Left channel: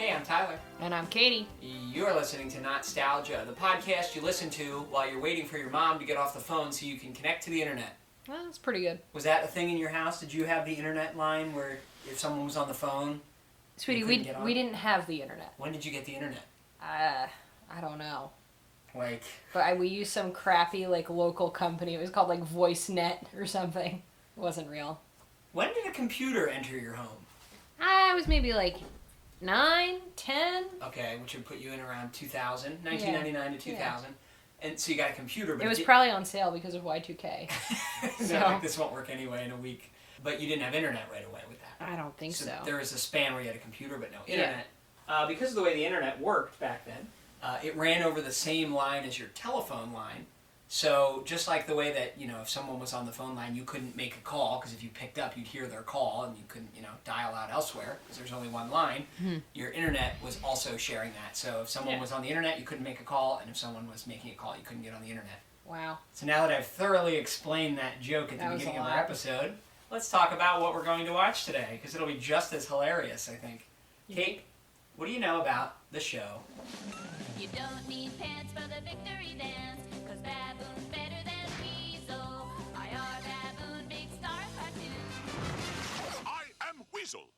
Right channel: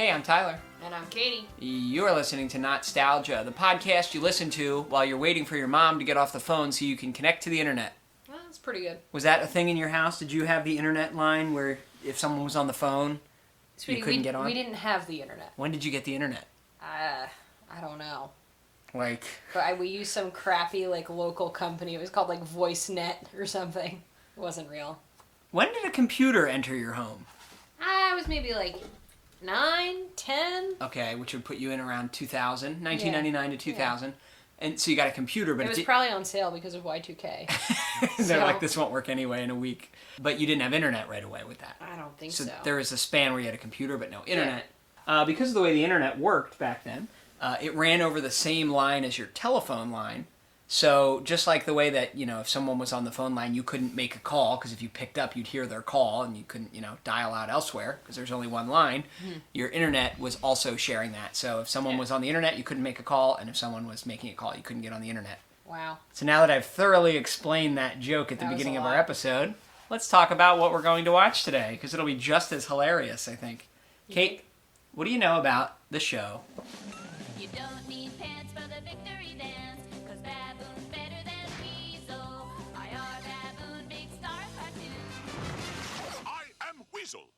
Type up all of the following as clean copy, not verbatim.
Hey, I'm Tyler. And I'm Katie. You're listening to Not-Stalgia, the podcast you listen to while you're waiting for your mom to get off the phone so you can connect to the internet. Well, that's pretty good. Was that a thing in your house? Did you have the internet line where if someone was on the phone, Sweetie, you couldn't get on? We didn't have the internet. When did you get the internet? I don't know. Like... But we used some crappy, local company. It was called, VoiceNet or something. It wasn't real. When did a computer enter your home? I was maybe, 9, 10. Okay, which would put you in around 2000, 1999 to 2000. Yeah. And so you got a computer, but it was probably on sale because of Y2K. They're like, this won't work anyway in a week. But you didn't have internet right away with that. I don't think so. There was a span where you had a computer but no internet. Yeah. Because of the way the internet worked back then, it ran over the same line as your telephone line. So just like the way that, if someone was on the phone line, you couldn't make a call because if you picked up, you'd hear their call and you couldn't, dial out elsewhere because there's only one line. Mm-hmm. Your internet was also sharing that. So if someone was on the internet, you couldn't make a call, and if someone was making a call, you couldn't get on the internet. Wow. So now that I've thoroughly explained that joke at the beginning of our episode, let's talk about what we're going to watch today because it'll be just as hilarious, I think. Kate, what do you know about the show? You don't need pants for the victory dance, 'cause Baboon's better than Weasel. I.R. Baboon, big star cartoon. I am Weasel.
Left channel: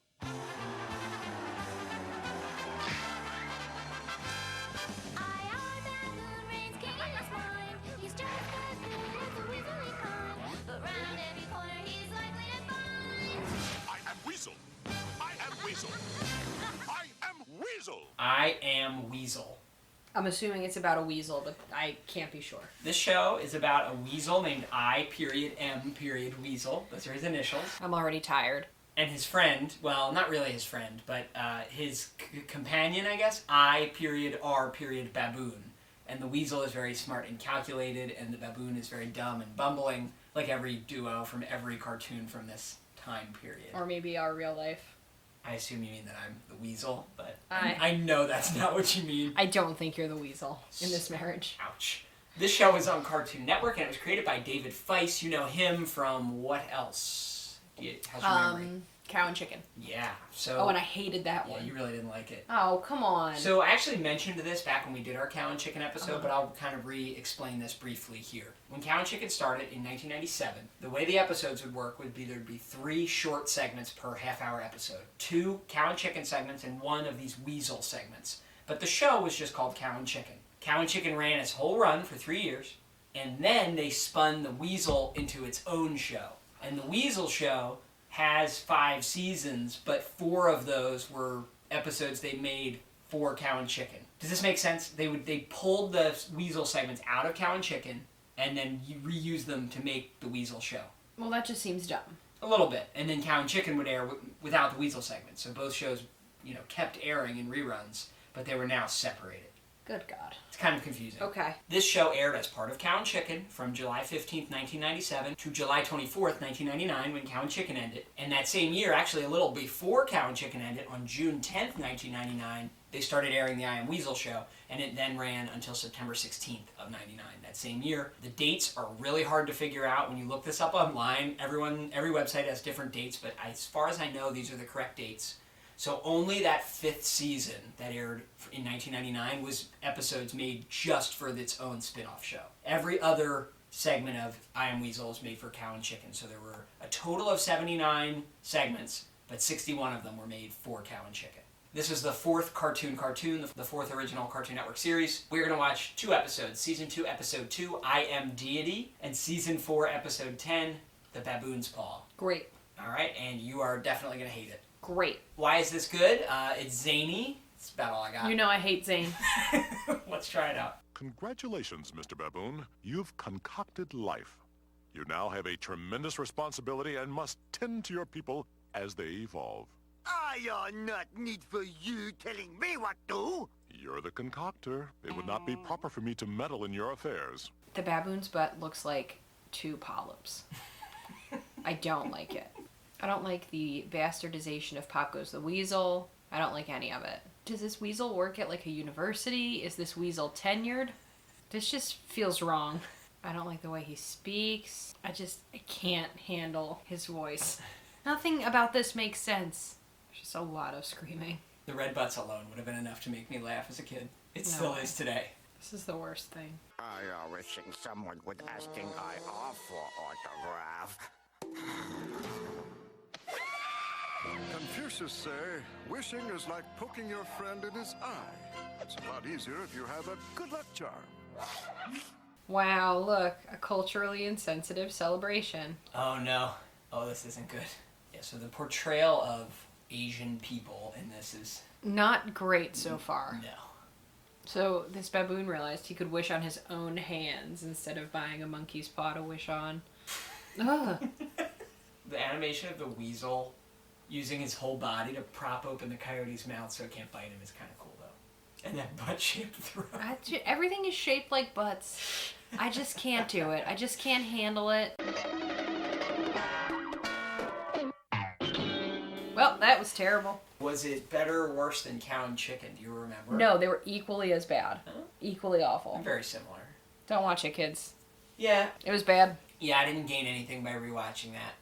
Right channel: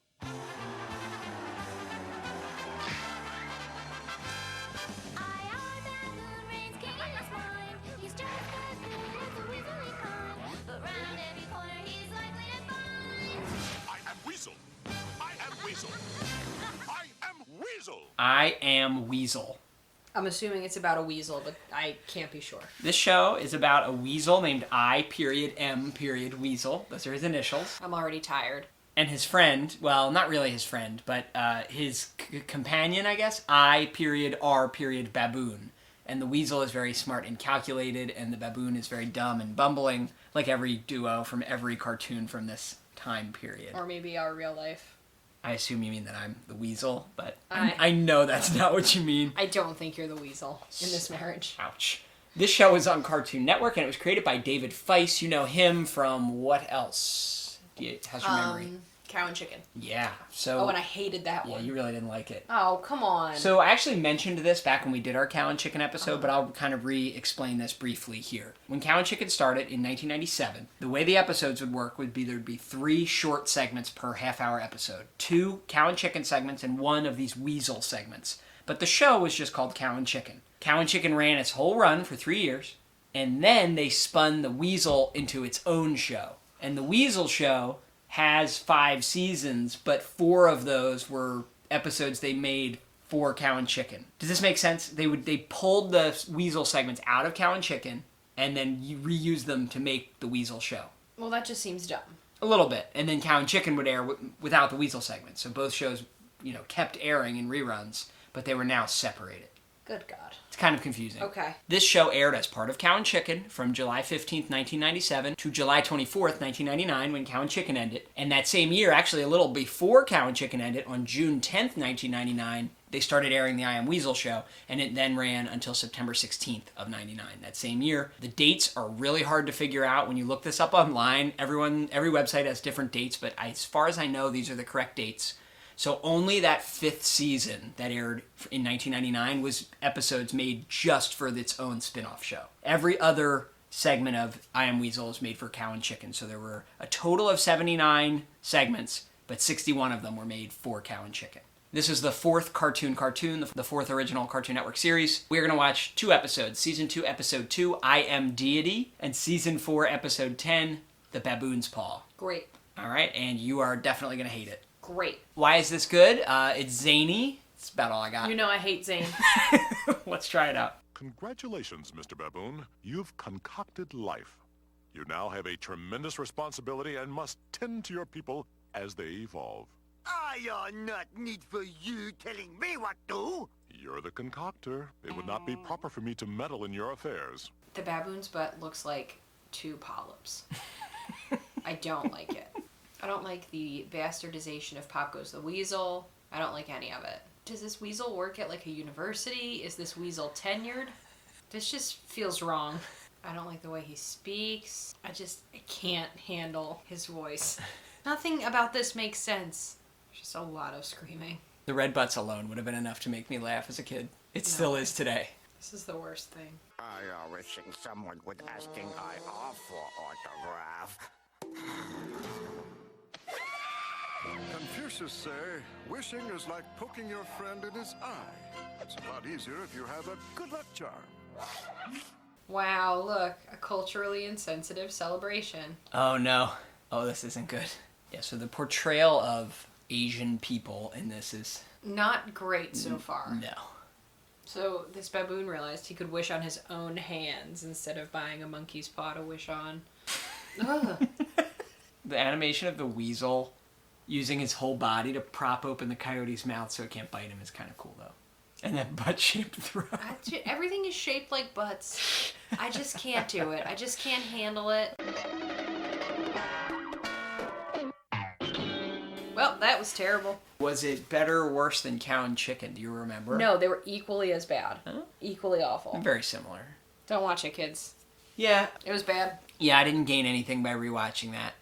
I.R. Baboon reigns king in his mind. He's just as good as a weaselly kind, but round every corner he's likely to find. I am Weasel. I am Weasel. I am Weasel. I Am Weasel. I'm assuming it's about a weasel, but I can't be sure. This show is about a weasel named I.M. Weasel. Those are his initials. I'm already tired. And his friend, well, not really his friend, but his companion, I guess, I.R. Baboon. And the weasel is very smart and calculated, and the baboon is very dumb and bumbling, like every duo from every cartoon from this time period. Or maybe our real life. I assume you mean that I'm the weasel, but I know that's not what you mean. I don't think you're the weasel in this marriage. Ouch. This show was on Cartoon Network, and it was created by David Feiss. You know him from what else? How's your memory? Cow and Chicken. Yeah. So. Oh, and I hated that one. Yeah, you really didn't like it. Oh, come on. So I actually mentioned this back when we did our Cow and Chicken episode, but I'll kind of re-explain this briefly here. When Cow and Chicken started in 1997, the way the episodes would work would be there'd be 3 short segments per half-hour episode. 2 Cow and Chicken segments and 1 of these Weasel segments. But the show was just called Cow and Chicken. Cow and Chicken ran its whole run for 3 years, and then they spun the Weasel into its own show. And the Weasel show has 5 seasons, but 4 of those were episodes they made for Cow and Chicken. Does this make sense? They pulled the Weasel segments out of Cow and Chicken and then reused them to make the Weasel show. Well, that just seems dumb. A little bit. And then Cow and Chicken would air without the Weasel segments. So both shows, kept airing in reruns, but they were now separated. Good God. It's kind of confusing. Okay. This show aired as part of Cow and Chicken from July 15th, 1997 to July 24th, 1999 when Cow and Chicken ended. And that same year, actually a little before Cow and Chicken ended, on June 10th, 1999, they started airing the I Am Weasel show, and it then ran until September 16th of 99. That same year. The dates are really hard to figure out. When you look this up online, every website has different dates, but as far as I know, these are the correct dates. So only that 5th season that aired in 1999 was episodes made just for its own spin-off show. Every other segment of I Am Weasel is made for Cow and Chicken. So there were a total of 79 segments, but 61 of them were made for Cow and Chicken. This is the 4th cartoon, the 4th original Cartoon Network series. We're going to watch 2 episodes. Season 2, Episode 2, I Am Deity, and Season 4, Episode 10, The Baboon's Paw. Great. All right, and you are definitely going to hate it. Great. Why is this good? It's zany. That's about all I got. You know I hate Zane. Let's try it out. Congratulations, Mr. Baboon. You've concocted life. You now have a tremendous responsibility and must tend to your people as they evolve. I are not need for you telling me what to. You're the concoctor. It would not be proper for me to meddle in your affairs. The baboon's butt looks like 2 polyps. I don't like it. I don't like the bastardization of Pop Goes the Weasel. I don't like any of it. Does this weasel work at a university? Is this weasel tenured? This just feels wrong. I don't like the way he speaks. I can't handle his voice. Nothing about this makes sense. Just a lot of screaming. The red butts alone would have been enough to make me laugh as a kid. It still is today. This is the worst thing. I wishing someone would asking I offer autograph. Confucius say, wishing is like poking your friend in his eye. It's a lot easier if you have a good luck charm. Wow, look, a culturally insensitive celebration. Oh no. Oh, this isn't good. Yeah, so the portrayal of Asian people in this is... Not great so far. No. So this baboon realized he could wish on his own hands instead of buying a monkey's paw to wish on. Ugh. The animation of the weasel using his whole body to prop open the coyote's mouth so it can't bite him is kind of cool, though. And that butt-shaped throat. Everything is shaped like butts. I just can't do it. I just can't handle it. Well, that was terrible. Was it better or worse than Cow and Chicken? Do you remember? No, they were equally as bad. Huh? Equally awful. Very similar. Don't watch it, kids. Yeah. It was bad. Yeah, I didn't gain anything by rewatching that.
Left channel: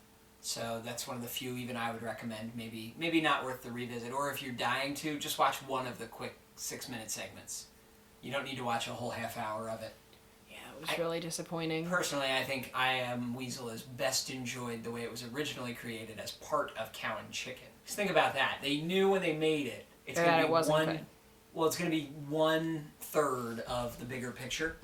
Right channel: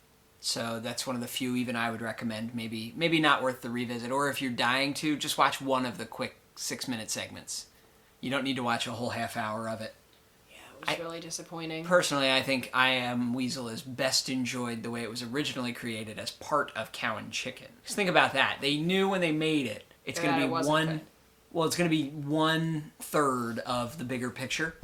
So that's one of the few even I would recommend. Maybe not worth the revisit. Or if you're dying to, just watch one of the quick 6-minute segments. You don't need to watch a whole half hour of it. Yeah, it was really disappointing. Personally, I think I Am Weasel is best enjoyed the way it was originally created as part of Cow and Chicken. Just think about that. They knew when they made it, it's going to be it's going to be 1/3 of the bigger picture,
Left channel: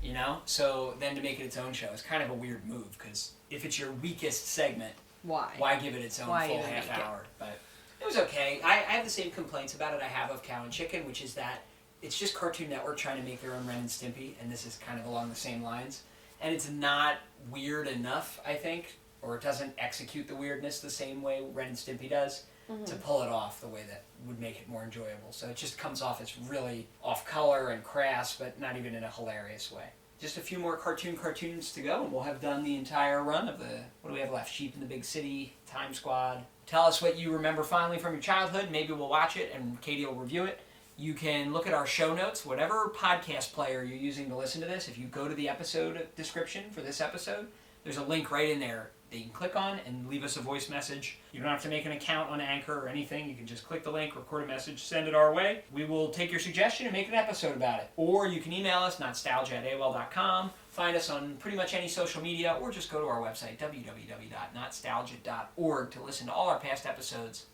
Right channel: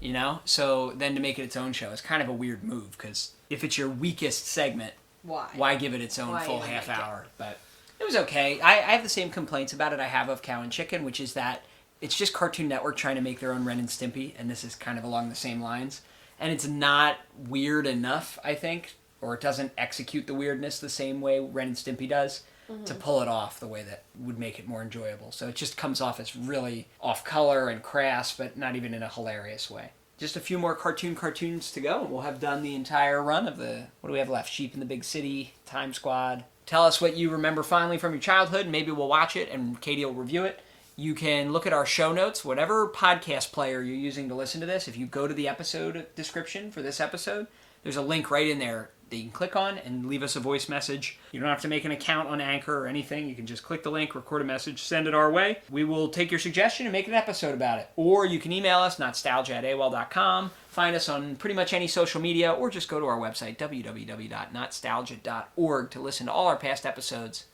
you know? So then to make it its own show is kind of a weird move, because if it's your weakest segment, why give it its own full half hour? But it was okay. I have the same complaints about it I have of Cow and Chicken, which is that it's just Cartoon Network trying to make their own Ren and Stimpy, and this is kind of along the same lines. And it's not weird enough, I think, or it doesn't execute the weirdness the same way Ren and Stimpy does, to pull it off the way that would make it more enjoyable. So it just comes off as really off-color and crass, but not even in a hilarious way. Just a few more cartoons to go, and we'll have done the entire run of the... What do we have left? Sheep in the Big City, Time Squad. Tell us what you remember fondly from your childhood. Maybe we'll watch it, and Katie will review it. You can look at our show notes, whatever podcast player you're using to listen to this. If you go to the episode description for this episode, there's a link right in there that you can click on and leave us a voice message. You don't have to make an account on Anchor or anything. You can just click the link, record a message, send it our way. We will take your suggestion and make an episode about it. Or you can email us, Not-Stalgia@AOL.com. Find us on pretty much any social media, or just go to our website, www.notstalgia.org, to listen to all our past episodes.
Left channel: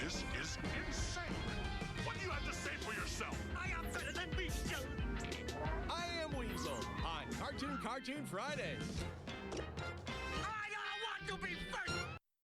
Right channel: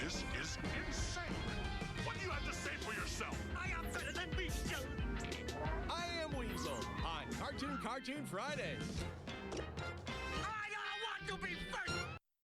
This is insane. What do you have to say for yourself? I am better than Weasel. I Am Weasel on Cartoon Fridays. I want to be first.